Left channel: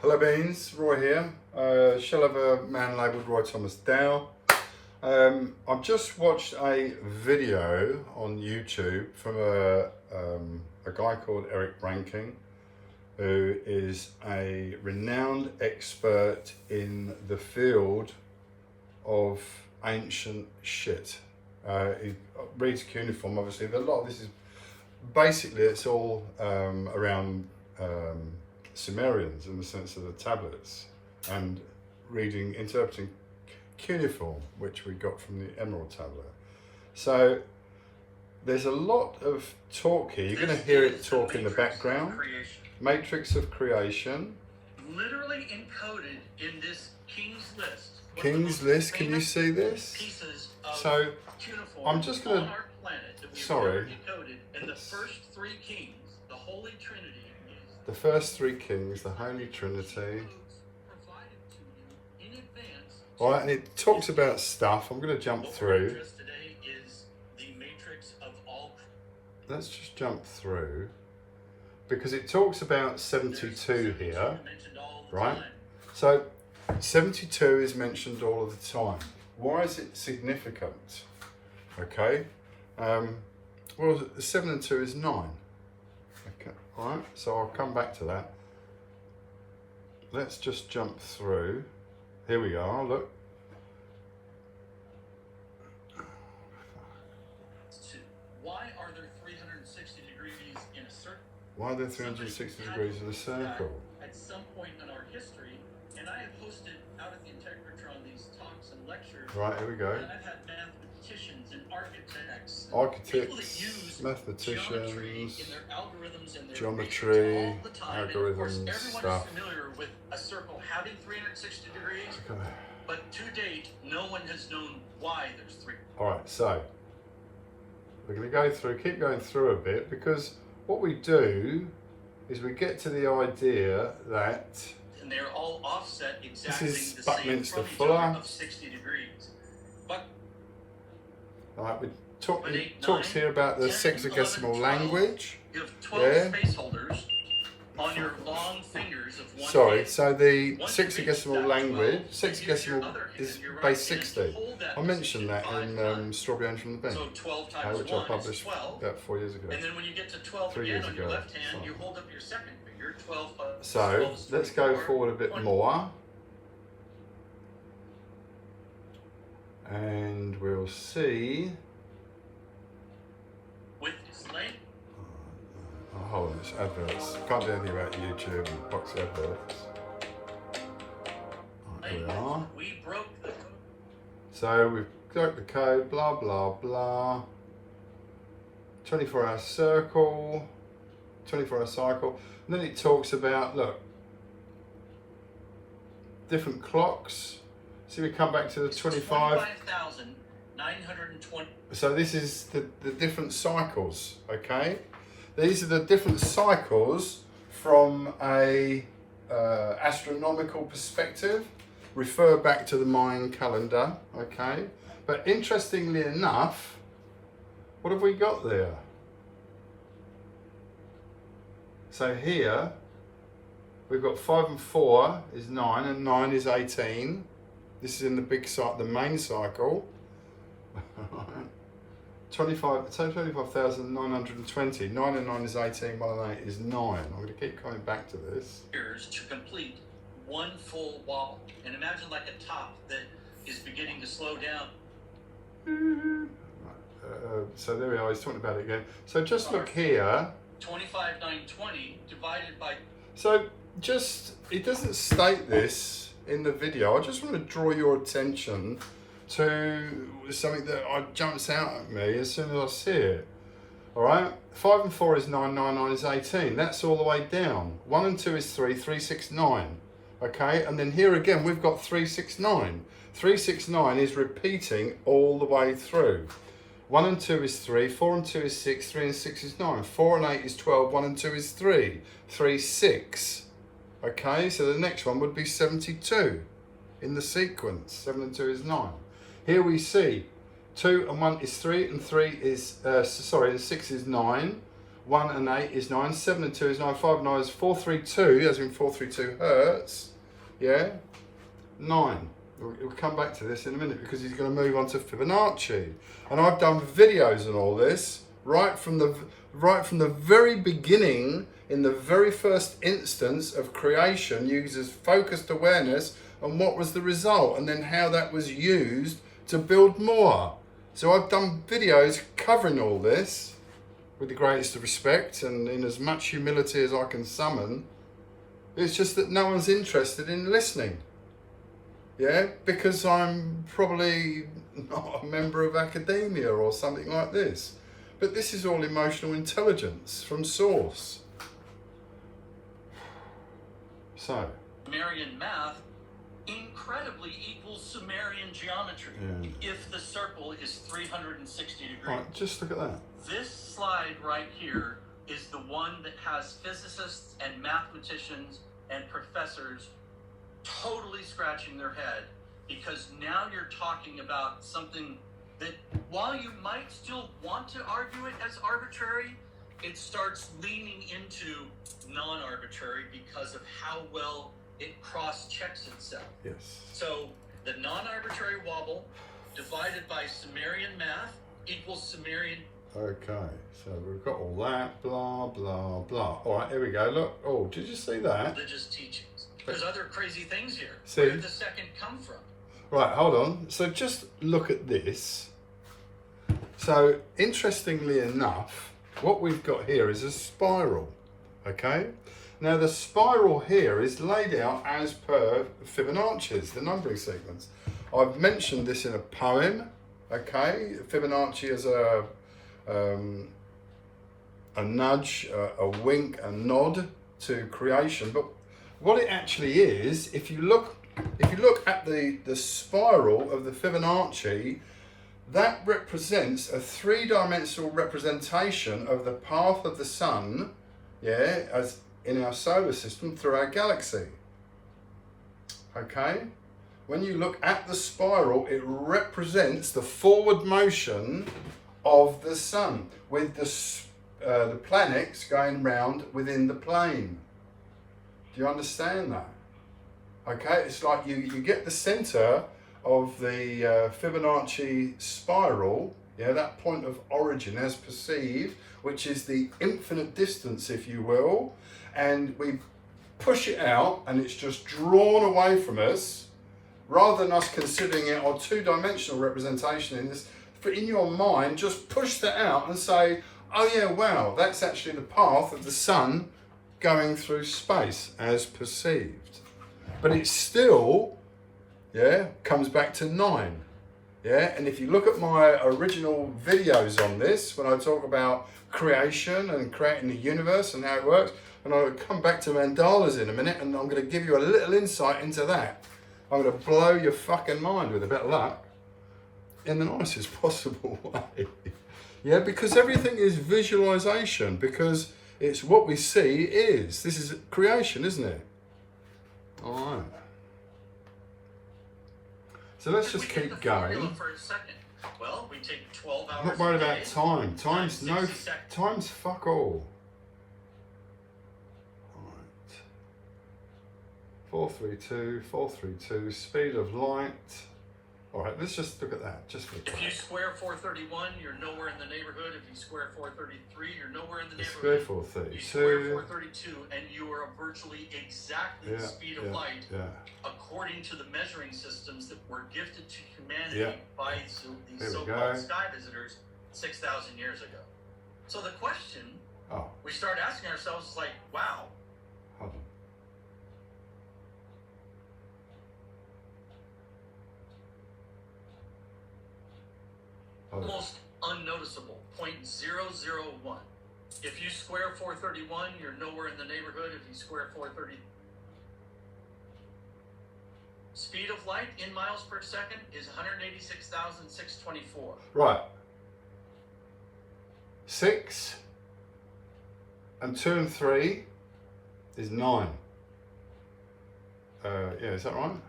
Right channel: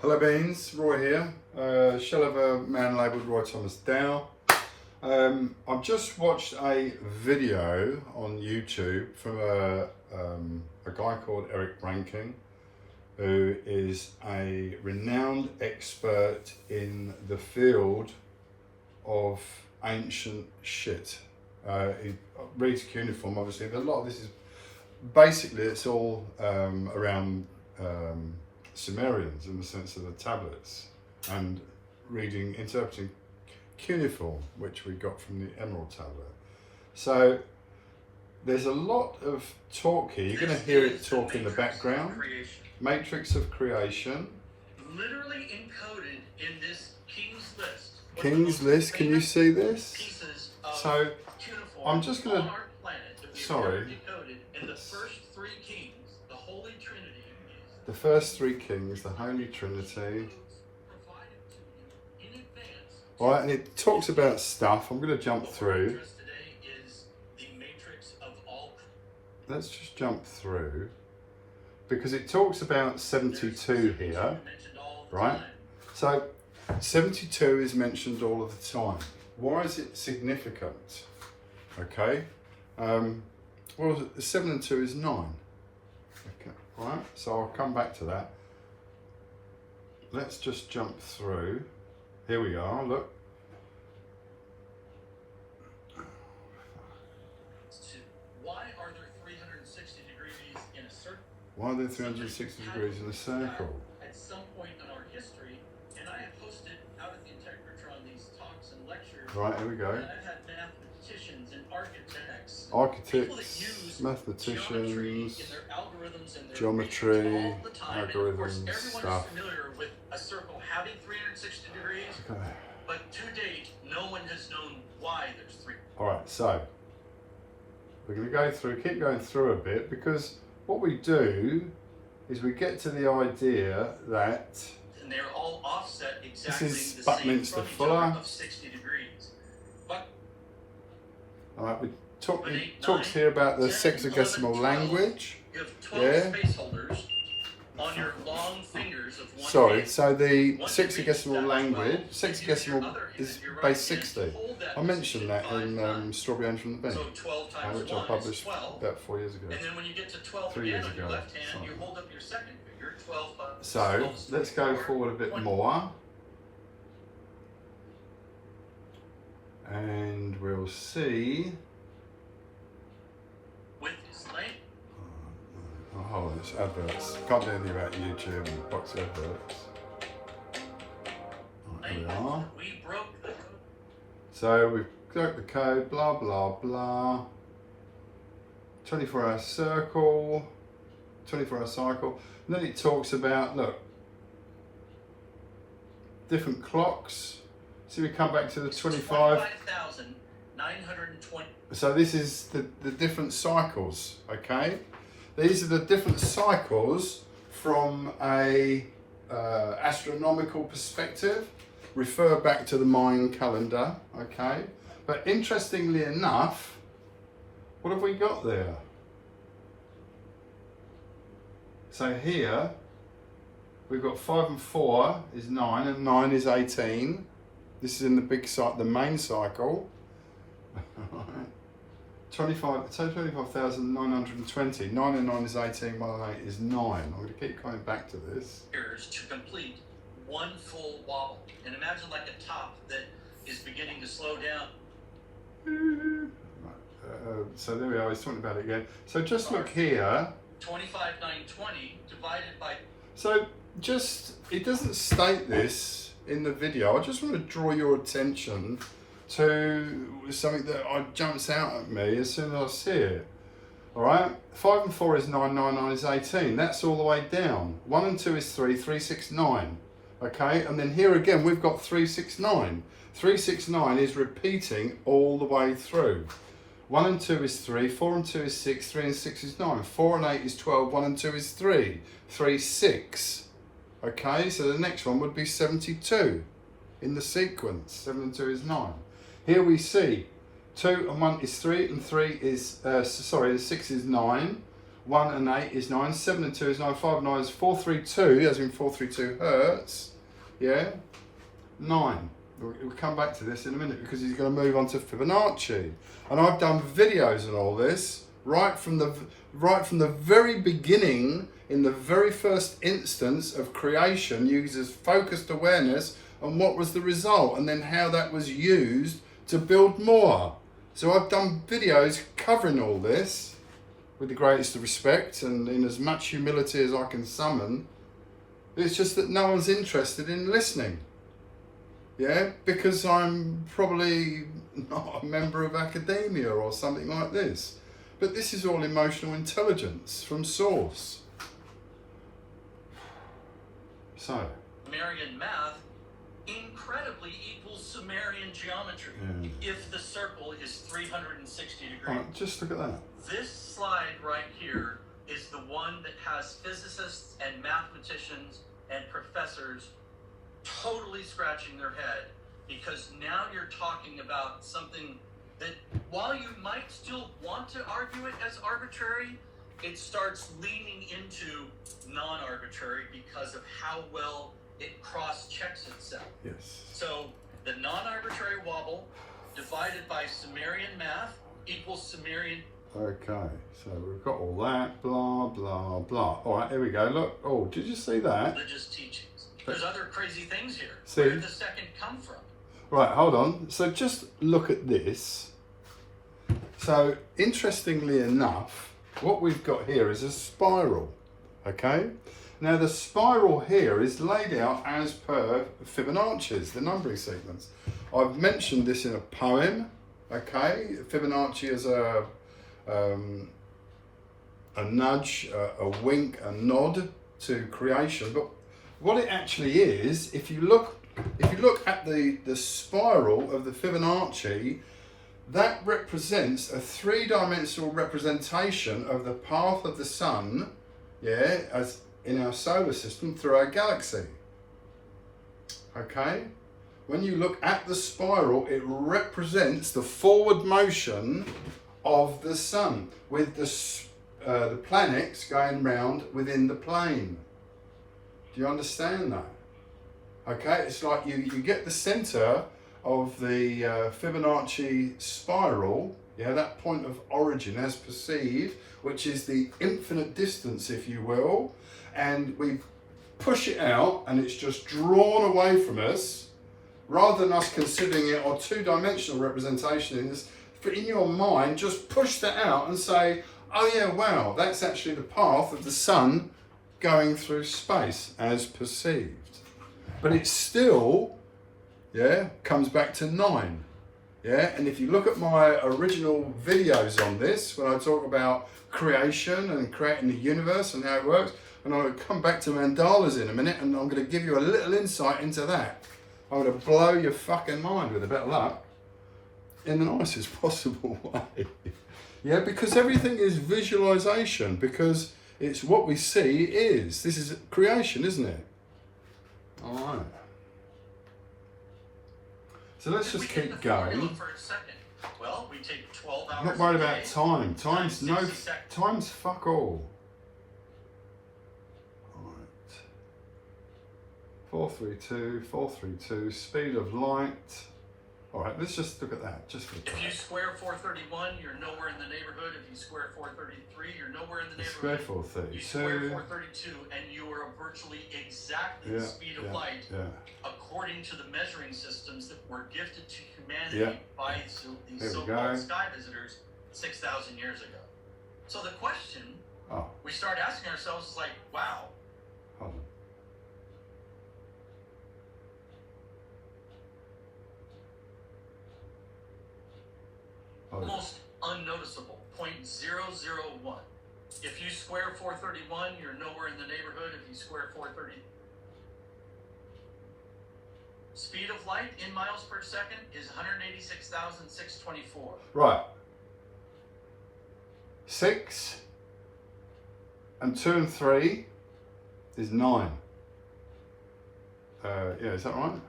Hello Beans, Roy here. Shell of a man labelled Roy Thomas Dow. I've just watched a video on YouTube from a guy called Eric Rankin, who is a renowned expert in the field of ancient shit. He reads cuneiform, obviously. A lot of this is basically, it's all around Sumerians in the sense of the tablets, and interpreting cuneiform, which we got from the Emerald tablet. So there's a lot of talk here. You're going to hear it talk in the background. Matrix of creation. Literally encoded in this King's List. King's List, can you see this? So I'm just going to, sorry. And the first three kings, the Holy Trinity. The first three kings, the Holy Trinity. All right, and it talks about stuff. I'm going to jump through. Let's just jump through, because it talks about 72 here, right? So 72 is mentioned all of the time. Why is it significant? Okay. Well, 7 and 2 is 9. Okay, all right, so I'll come back to that. Let's just jump through. Here we are, look. Why are there 360 degrees in a circle? Why are there 360 degrees in a circle? At some point in our history, and I have hosted out at the Integratron these talks and lectures. Right, here we go. And I've had mathematicians and architects, mathematicians, in their algorithms and their geometry, all the time. algorithms, of course, everyone stuff. is familiar with a circle having 360 degrees, Okay. but to date, no one has known why there's three. All right, so we're going to go through, keep going through a bit, because what we do is we get to the idea that, and they're all offset exactly this is the Buckminster same Fuller. of 60 degrees. But all right, it talks here about the sexagesimal language. you have 12 Yeah. space holders on your long fingers of one Sorry, hand. so the Once you reach sexagesimal that language, 12, use your sexagesimal other hand, is your right base hand, 60. hold that I mentioned that 5 in times. Strawberry Orange from the Bin, So 12 times which I 1 is published 12. about 4 years ago. And then when you get to 12 3 again years on your ago, left hand, sorry. you hold up your second finger. 12 plus So 12 is let's go 24, forward a bit 20. more, and we'll see. With his length. Oh, hold on, it's adverts. Can't do anything about YouTube and box adverts. Right, here we are. We broke the code. So we've got the code, blah, blah, blah. 24-hour circle, 24-hour cycle. And then it talks about, look, different clocks. See, we come back to the 25. 25,920. So this is the different cycles, okay? These are the different cycles from a astronomical perspective. Refer back to the Mayan calendar, okay? But interestingly enough, what have we got there? So here, we've got 5 and 4 is 9, and 9 is 18. This is in the big cycle, the main cycle. 25,920. 9 and 9 is 18, 1 and 8 is 9. I'm going to keep coming back to this. Years to complete one full wobble. And imagine like a top that is beginning to slow down. So there we are, he's talking about it again. So just look here. 25,920 divided by... So just, it doesn't state this in the video. I just want to draw your attention to something that jumps out at me as soon as I see it. All right, 5 and 4 is 9, 9, 9 is 18. That's all the way down. 1 and 2 is 3, 3, 6, 9. Okay, and then here again, we've got 3, 6, 9. 3, 6, 9 is repeating all the way through. 1 and 2 is 3, 4 and 2 is 6, 3 and 6 is 9. 4 and 8 is 12, 1 and 2 is 3, 3, 6. Okay, so the next one would be 72 in the sequence. 7 and 2 is 9. Here we see 2 and 1 is 3, and 3 is, the 6 is 9. 1 and 8 is 9, 7 and 2 is 9, 5 and 9 is 432, as in 432 hertz, yeah, 9. We'll come back to this in a minute because he's going to move on to Fibonacci. And I've done videos on all this right from the very beginning, in the very first instance of creation, uses focused awareness and what was the result, and then how that was used to build more. So I've done videos covering all this with the greatest of respect and in as much humility as I can summon. It's just that no one's interested in listening. Yeah, because I'm probably not a member of academia or something like this. But this is all emotional intelligence from source. So. Sumerian math incredibly equals Sumerian geometry if the circle is 360 degrees. Right, just look at that. This slide right here is the one that has physicists and mathematicians and professors totally scratching their head, because now you're talking about something that, while you might still want to argue it as arbitrary, it starts leaning into non-arbitrary because of how well it cross-checks itself. Yes. So the non-arbitrary wobble divided by Sumerian math equals Sumerian. Okay, so we've got all that, blah, blah, blah. All right, here we go. Look, oh, did you see that? Religious teachings. There's other crazy things here. See? Where did the second come from? Right, hold on. So just look at this. So interestingly enough, what we've got here is a spiral, okay? Now the spiral here is laid out as per Fibonacci's, the numbering sequence. I've mentioned this in a poem, okay? Fibonacci is a nudge, a wink, a nod to creation. But what it actually is, if you look at the spiral of the Fibonacci, that represents a three-dimensional representation of the path of the sun, yeah, as in our solar system through our galaxy. Okay? When you look at the spiral, it represents the forward motion of the sun, with the planets going round within the plane. Do you understand that? Okay, it's like you get the center of the Fibonacci spiral, yeah, that point of origin as perceived, which is the infinite distance, if you will, and we push it out and it's just drawn away from us, rather than us considering it our two-dimensional representation in this. But in your mind, just push that out and say, oh yeah, wow, that's actually the path of the sun going through space as perceived. But it still, yeah, comes back to 9. Yeah, and if you look at my original videos on this, when I talk about creation and creating the universe and how it works, and I'll come back to mandalas in a minute, and I'm going to give you a little insight into that. I'm going to blow your fucking mind with a bit of luck in the nicest possible way. Yeah, because everything is visualization, because it's what we see is. This is creation, isn't it? All right. So let's just keep going. For a second. Well, we take 12 hours. I'm not worried about time. Time's fuck all. All right. 432, 432, speed of light. All right, let's just look at that. Just look at that. If you square 431, you're nowhere in the neighborhood. If you square 433, you're nowhere in the Square neighborhood. 432. You square 432, and you are virtually exactly the speed of light, according to the measuring systems that were gifted to humanity by these so-called sky visitors 6,000 years ago. So the question we start asking ourselves is like, wow. Hold on. Almost unnoticeable, 0.001. If you square 431, you're nowhere in the neighborhood. If you square 430, speed of light in miles per second is 186,624. Right. 6 and 2 and 3 is 9. Yeah, is that right?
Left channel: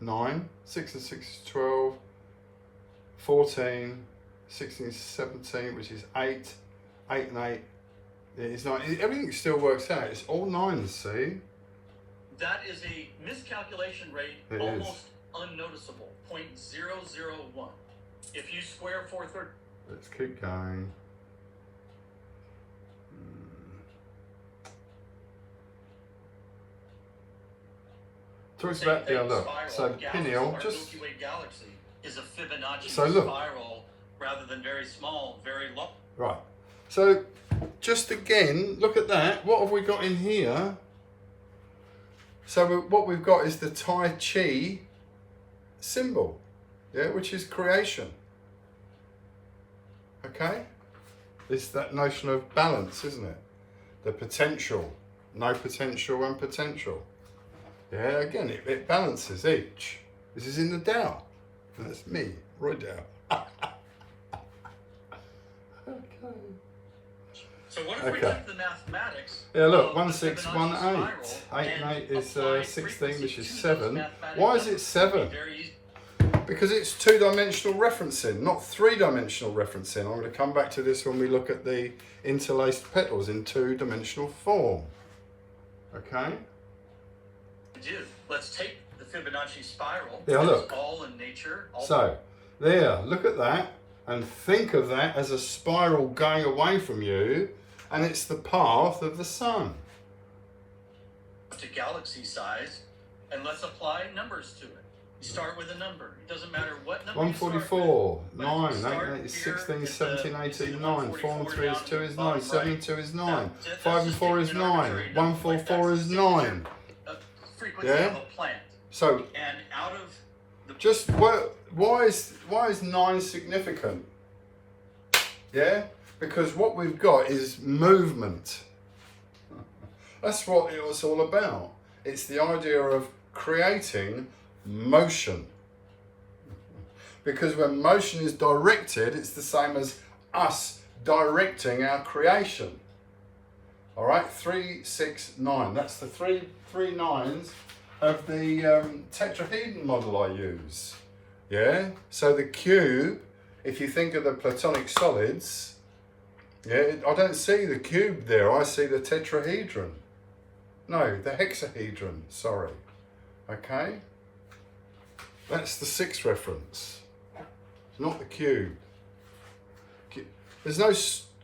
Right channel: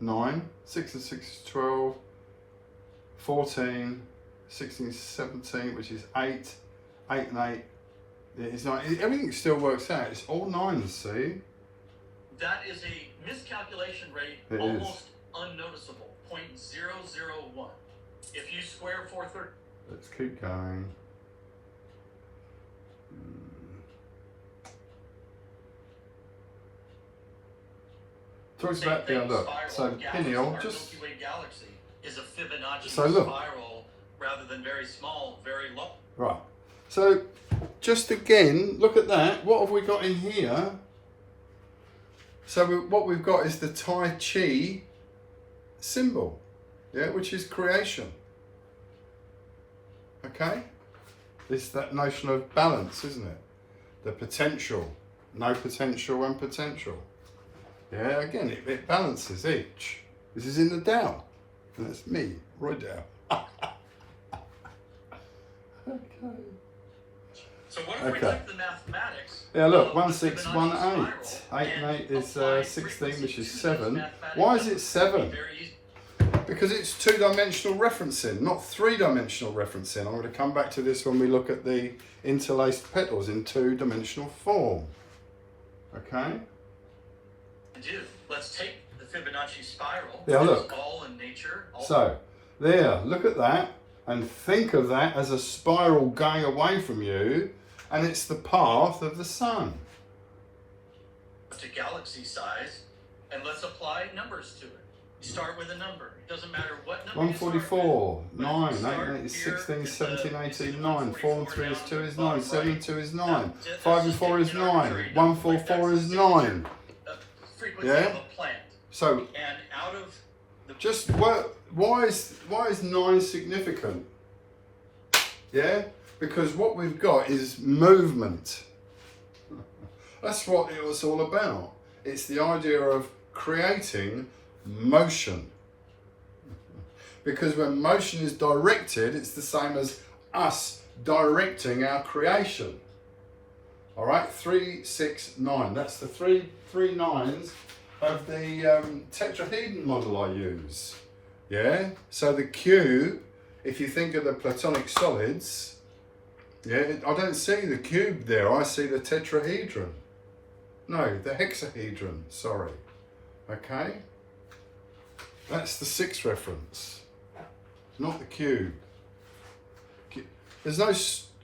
9. 6 and 6 is 12. 14, 16, 17, which is 8, 8 and 8, It's not, everything still works out. It's all 9s, see? That is a miscalculation rate, It almost unnoticeable, 0.001. If you square 430... Let's keep going. Talks about the other. So the pineal, just... Milky Way galaxy is a Fibonacci So look. spiral rather than very small, very low. Right. So just again, look at that. What have we got in here? So what we've got is the Tai Chi symbol, yeah, which is creation. Okay? It's that notion of balance, isn't it? The potential, no potential and potential. Yeah, again, it balances each. This is in the Tao. And that's me, right Tao. Okay. So what if we take the mathematics? Yeah, look, of 1, 6, Fibonacci 1, 8. spiral 8 and 8 is apply 16, frequency which is to 7. those mathematical Why is it numbers? 7? Very easy. Because it's 2-dimensional referencing, not 3-dimensional referencing. I'm going to come back to this when we look at the interlaced petals in 2-dimensional form. Okay? Do. Let's take the Fibonacci spiral. Yeah, It's look. all in nature. All So, there, look at that, and think of that as a spiral going away from you, and it's the path of the sun. to galaxy size, and let's apply numbers to it. You start with a number. It doesn't matter what number. 144, you 9, start 8, with. 8 is Here, 16, it's 17, a- 18, 9, 4 and 3 is 2 is 9, bottom 7 and right. 2 is Now, 9, that's 5 and 4 is an 9, arbitrary 1, number, 4, like 4 that's is the 9. frequency Yeah? of a plant. So, And out of the just why is 9 significant? Yeah, because what we've got is movement. That's what it was all about. It's the idea of creating motion. Because when motion is directed, it's the same as us directing our creation. All right, 3, 6, 9. That's the three nines of the tetrahedron model I use. Yeah, so the cube, if you think of the Platonic solids, yeah, I don't see the cube there, I see the tetrahedron. No, the hexahedron, sorry. Okay, that's the 6 reference. It's not the cube. There's no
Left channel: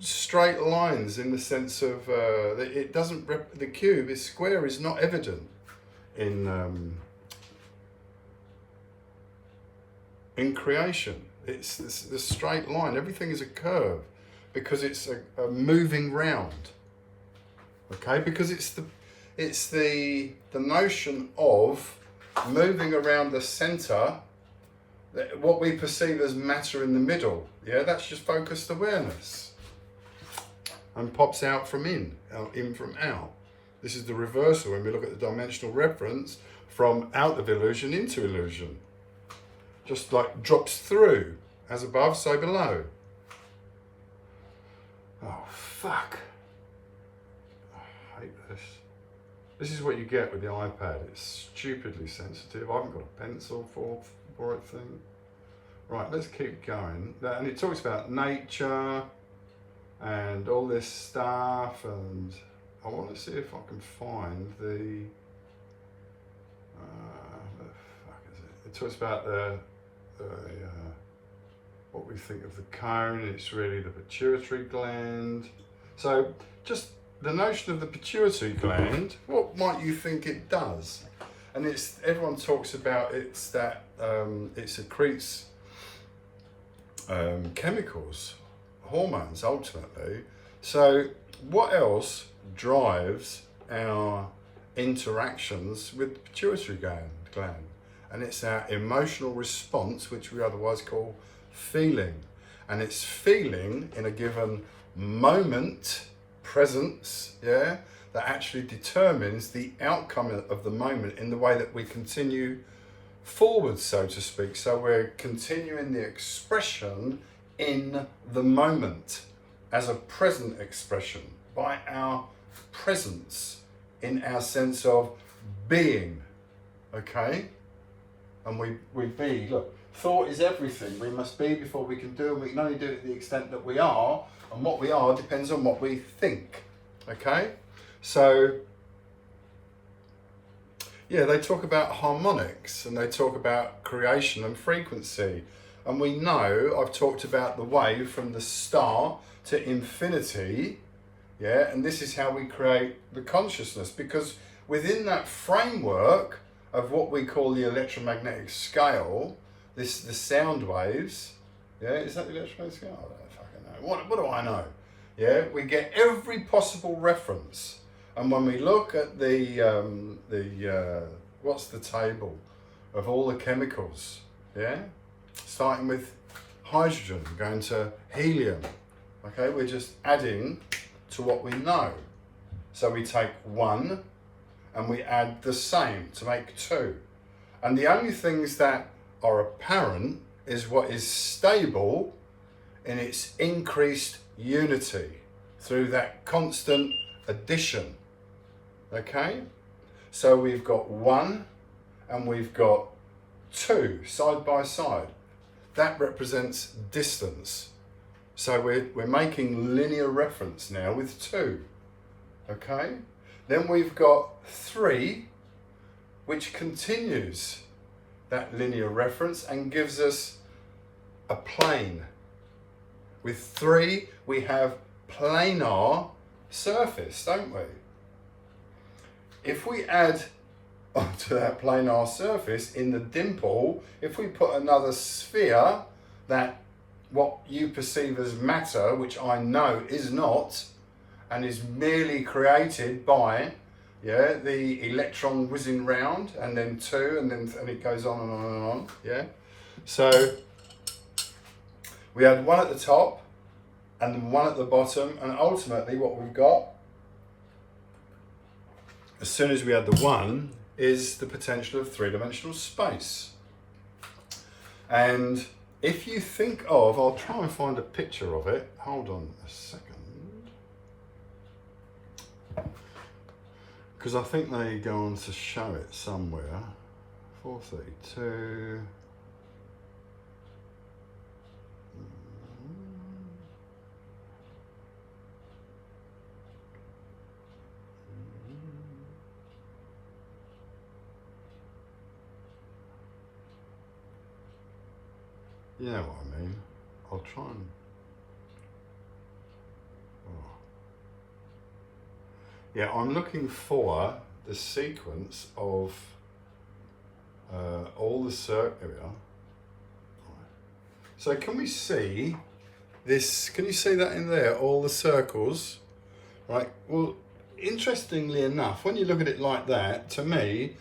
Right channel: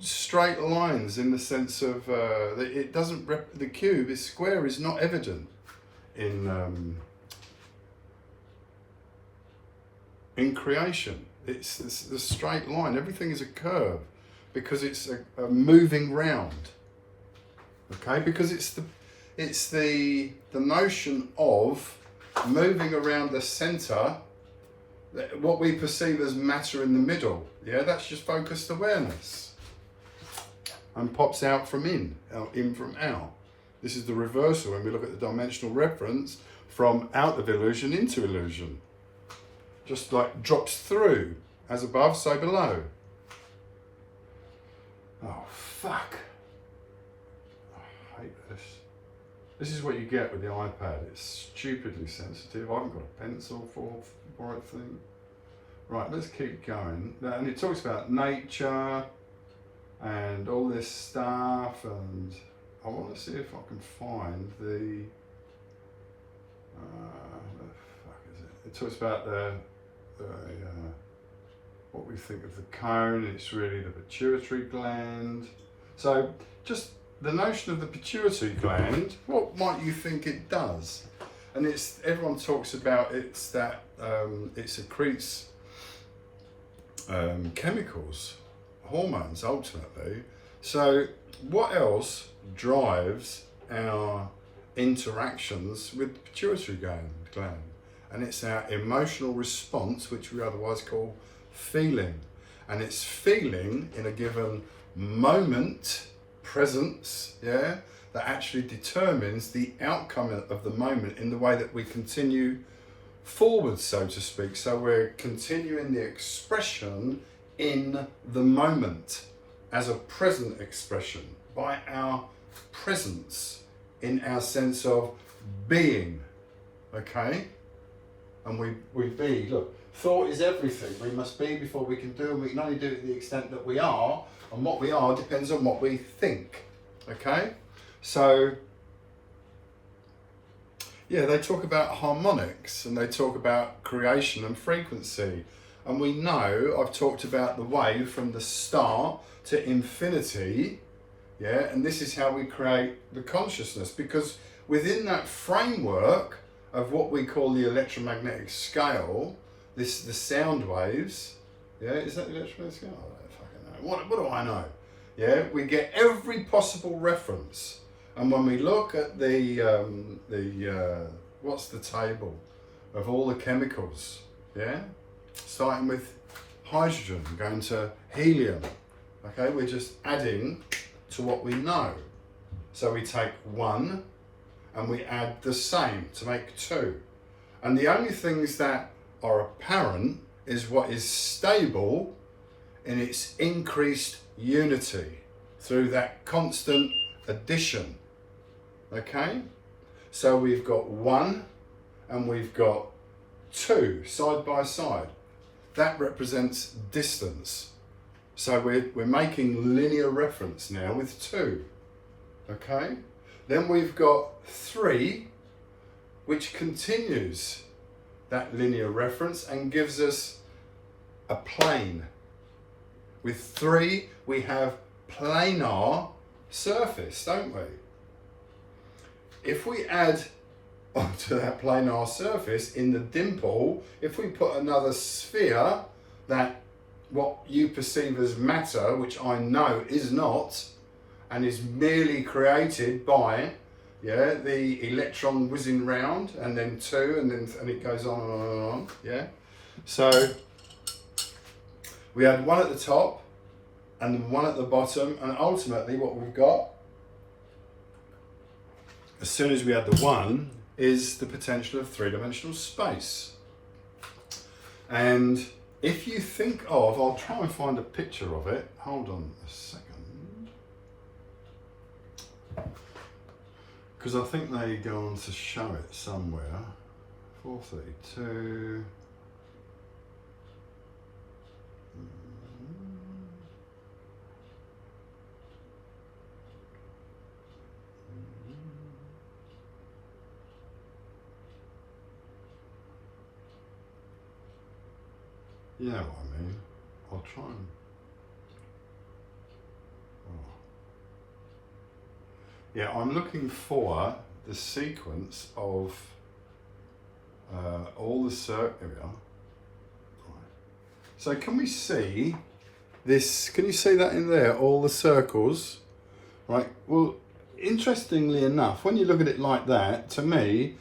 straight lines in the sense of it doesn't. The cube is square is not evident in creation. It's the straight line. Everything is a curve because it's a moving round. Okay, because it's the notion of moving around the center, what we perceive as matter in the middle. Yeah, that's just focused awareness, and pops out from in from out. This is the reversal when we look at the dimensional reference from out of illusion into illusion. Just like drops through, as above, so below. Oh, fuck. I hate this. This is what you get with the iPad. It's stupidly sensitive. I haven't got a pencil for it thing. Right, let's keep going. And it talks about nature and all this stuff, and I want to see if I can find the fuck is it? It talks about the what we think of the cone. It's really the pituitary gland. So just the notion of the pituitary gland, what might you think it does? And it's, everyone talks about it's that it secretes chemicals, hormones ultimately. So what else drives our interactions with the pituitary gland? And it's our emotional response, which we otherwise call feeling. And it's feeling in a given moment, presence, yeah, that actually determines the outcome of the moment in the way that we continue forward, so to speak. So we're continuing the expression in the moment as a present expression by our presence in our sense of being, okay? And we be, look, thought is everything. We must be before we can do, and we can only do it to the extent that we are, and what we are depends on what we think. Okay, so yeah, they talk about harmonics and they talk about creation and frequency. And we know I've talked about the wave from the start to infinity. Yeah, and this is how we create the consciousness, because within that framework of what we call the electromagnetic scale, the sound waves, yeah, is that the electromagnetic scale? I don't fucking know. What do I know? Yeah, we get every possible reference. And when we look at what's the table of all the chemicals, yeah, starting with hydrogen, going to helium, okay, we're just adding to what we know. So we take one and we add the same to make two. And the only things that are apparent is what is stable in its increased unity through that constant addition. Okay, so we've got one and we've got two side by side. That represents distance. So we're making linear reference now with two. Okay, then we've got three, which continues that linear reference and gives us a plane. With three, we have planar surface, don't we? If we add onto that planar surface in the dimple, if we put another sphere, that what you perceive as matter, which I know is not, and is merely created by, yeah, the electron whizzing round, and then two, and it goes on and on and on, yeah. So we had one at the top and one at the bottom, and ultimately what we've got, as soon as we add the one, is the potential of three-dimensional space. And if you think of, I'll try and find a picture of it. Hold on a second. Because I think they go on to show it somewhere. 432. You know what I mean? I'll try and... Oh. Yeah, I'm looking for the sequence of all the circles. Here we are. So can we see this? Can you see that in there? All the circles, right? Well, interestingly enough, when you look at it like that, to me,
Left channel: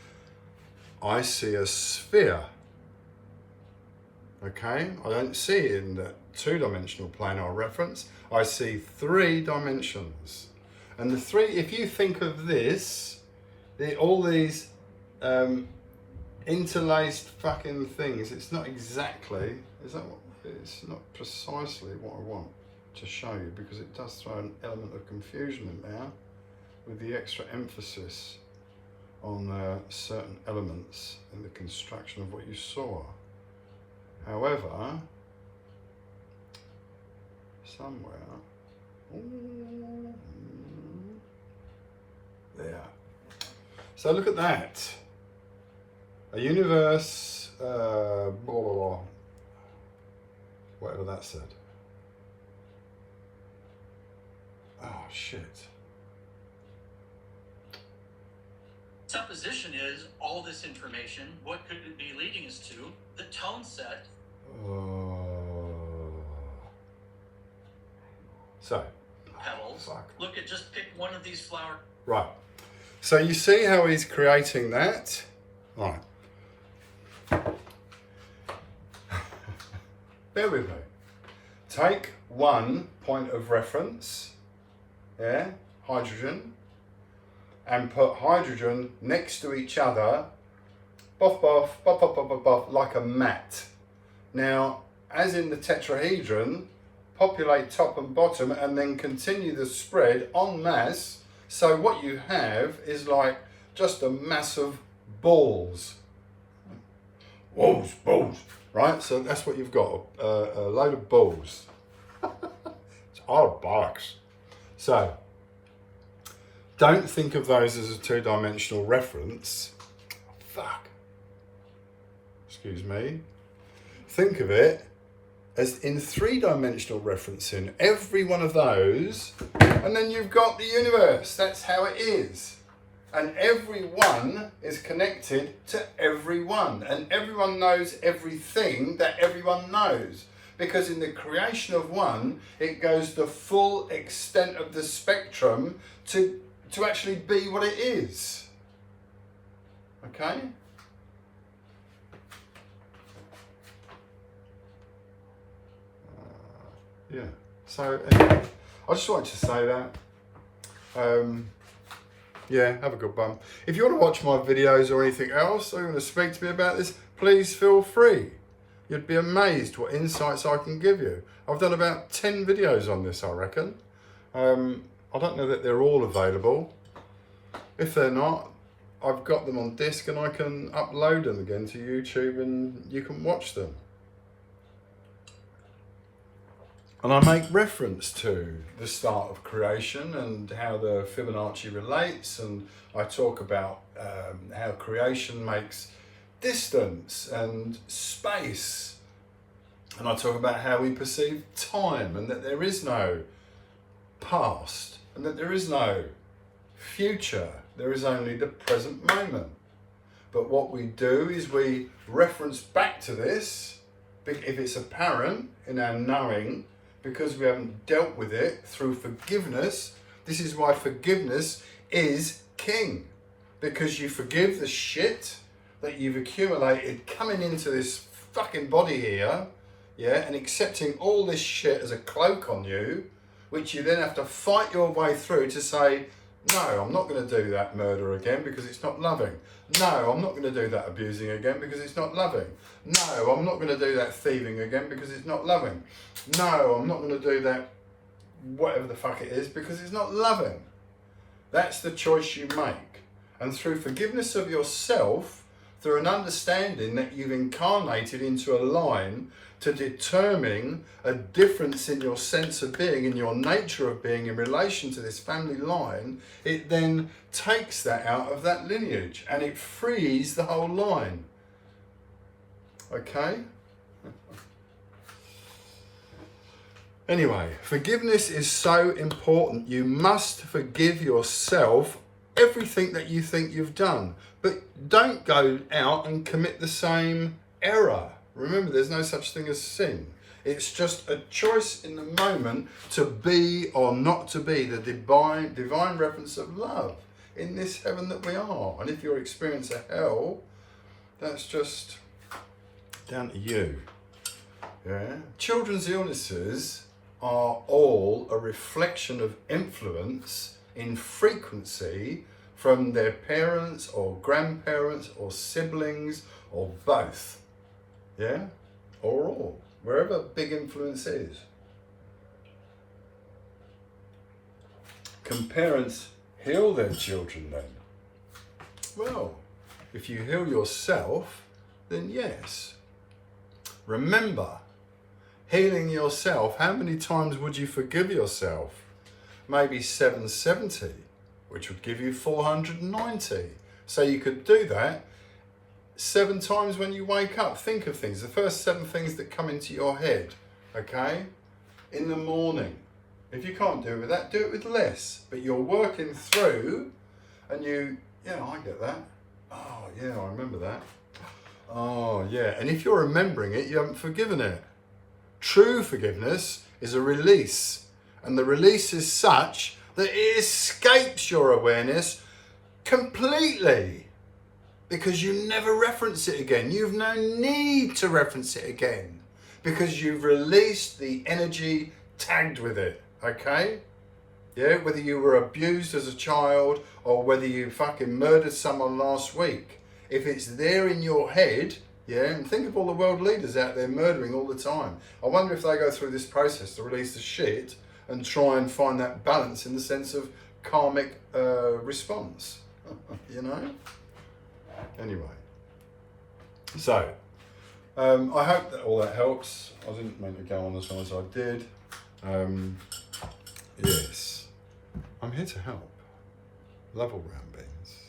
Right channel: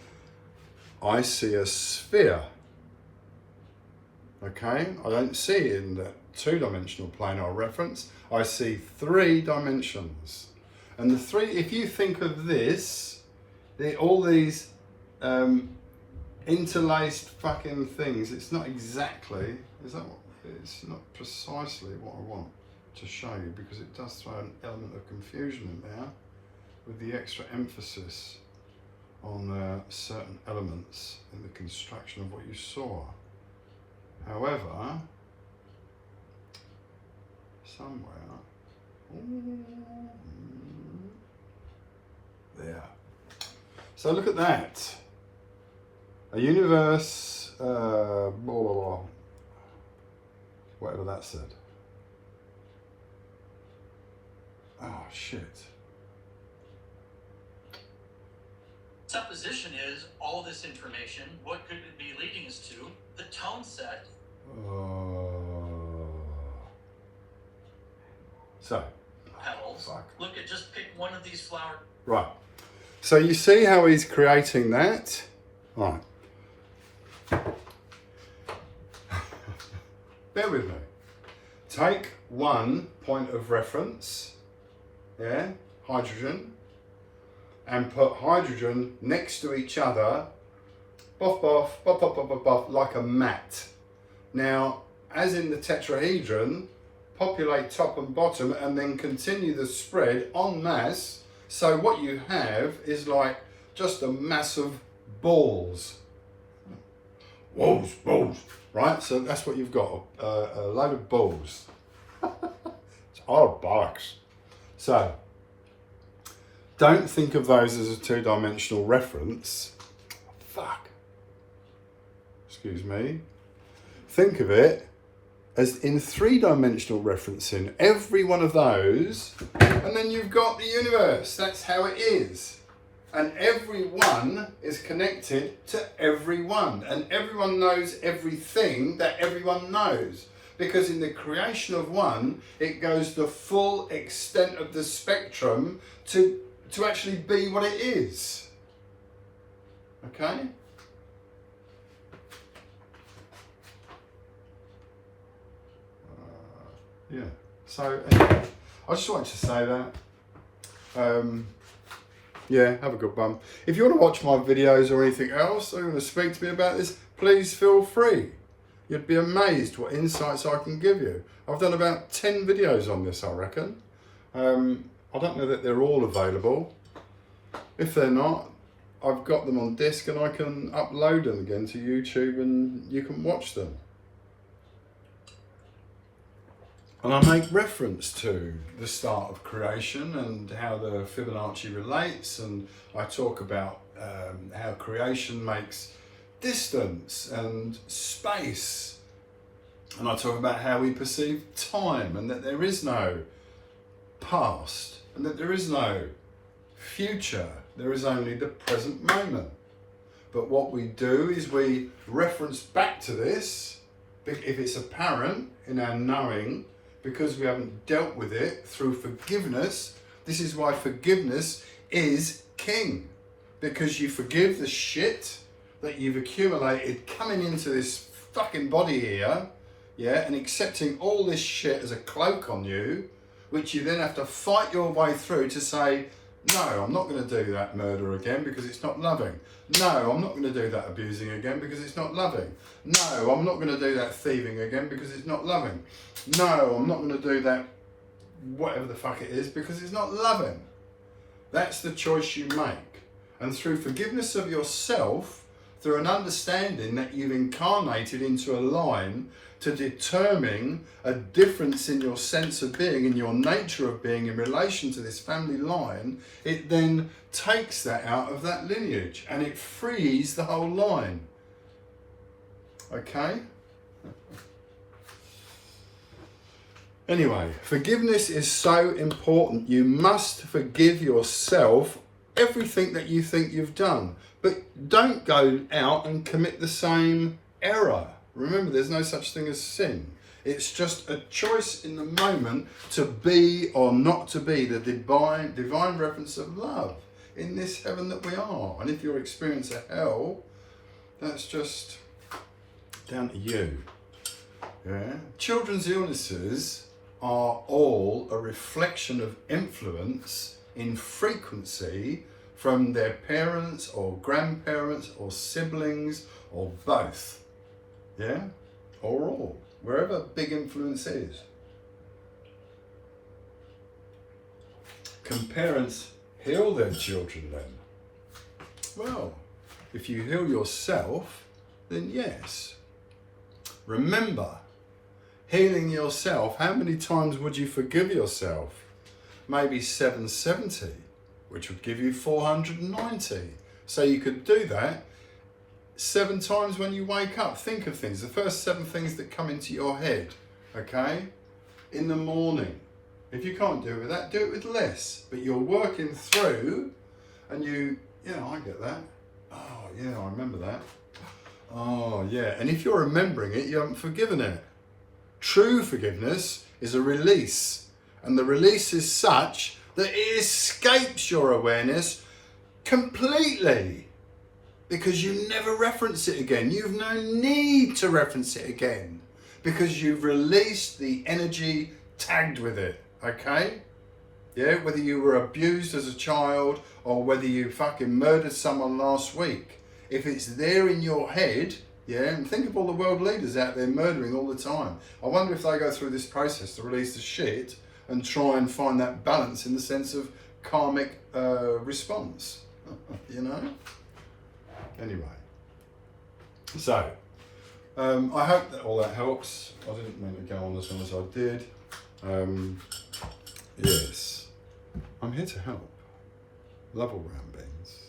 I see a sphere. Okay, I don't see it in that two-dimensional planar reference. I see three dimensions. And the three, if you think of this, all these interlaced fucking things, it's not exactly, is that what, it's not precisely what I want to show you, because it does throw an element of confusion in there with the extra emphasis on certain elements in the construction of what you saw. However, somewhere, there. So look at that. A universe, blah, blah, blah, whatever that said. Oh, shit. Supposition is all this information. What could it be leading us to? The tone set. So. Petals. Fuck. Look at, just pick one of these flowers. Right. So you see how he's creating that? Right. Bear with me. Take one point of reference, yeah, hydrogen, and put hydrogen next to each other, buff, buff, buff, buff, buff, buff, buff, like a mat. Now, as in the tetrahedron, populate top and bottom and then continue the spread en masse. So what you have is like just a mass of balls. Balls, right? So that's what you've got, a load of balls. It's odd box. So don't think of those as a two-dimensional reference. Fuck. Excuse me. Think of it as in three-dimensional referencing every one of those, and then you've got the universe. That's how it is. And everyone is connected to everyone, and everyone knows everything that everyone knows. Because in the creation of one, it goes the full extent of the spectrum to actually be what it is. Okay? Yeah. So anyway, I just wanted to say that. Yeah, have a good one. If you want to watch my videos or anything else, or you want to speak to me about this, please feel free. You'd be amazed what insights I can give you. I've done about 10 videos on this, I reckon. I don't know that they're all available. If they're not, I've got them on disc and I can upload them again to YouTube and you can watch them. And I make reference to the start of creation and how the Fibonacci relates, and I talk about how creation makes distance and space, and I talk about how we perceive time, and that there is no past and that there is no future, there is only the present moment. But what we do is we reference back to this if it's apparent in our knowing, because we haven't dealt with it through forgiveness. This is why forgiveness is king, because you forgive the shit that you've accumulated coming into this fucking body here, yeah, and accepting all this shit as a cloak on you, which you then have to fight your way through to say, no, I'm not going to do that murder again because it's not loving. No, I'm not going to do that abusing again because it's not loving. No, I'm not going to do that thieving again because it's not loving. No, I'm not going to do that whatever the fuck it is because it's not loving. That's the choice you make. And through forgiveness of yourself, through an understanding that you've incarnated into a line to determine a difference in your sense of being, in your nature of being in relation to this family line, it then takes that out of that lineage and it frees the whole line. Okay? Anyway, forgiveness is so important. You must forgive yourself everything that you think you've done, but don't go out and commit the same error. Remember, there's no such thing as sin. It's just a choice in the moment to be or not to be the divine reference of love in this heaven that we are. And if you experience a hell, that's just down to you. Yeah. Children's illnesses are all a reflection of influence in frequency from their parents or grandparents or siblings or both. Yeah, or all, wherever big influence is. Can parents heal their children then? Well, if you heal yourself, then yes. Remember, healing yourself, how many times would you forgive yourself? Maybe 770, which would give you 490. So you could do that 7 times when you wake up. Think of things, the first 7 things that come into your head, okay? In the morning. If you can't do it with that, do it with less. But you're working through and yeah, I get that. Oh, yeah, I remember that. Oh, yeah. And if you're remembering it, you haven't forgiven it. True forgiveness is a release. And the release is such that it escapes your awareness completely. Because you never reference it again. You've no need to reference it again. Because you've released the energy tagged with it, okay? Yeah, whether you were abused as a child or whether you fucking murdered someone last week. If it's there in your head, yeah, and think of all the world leaders out there murdering all the time. I wonder if they go through this process to release the shit and try and find that balance in the sense of karmic response, you know? Anyway, so I hope that all that helps. I didn't mean to go on as long as I did. Yes, I'm here to help. love all round beans.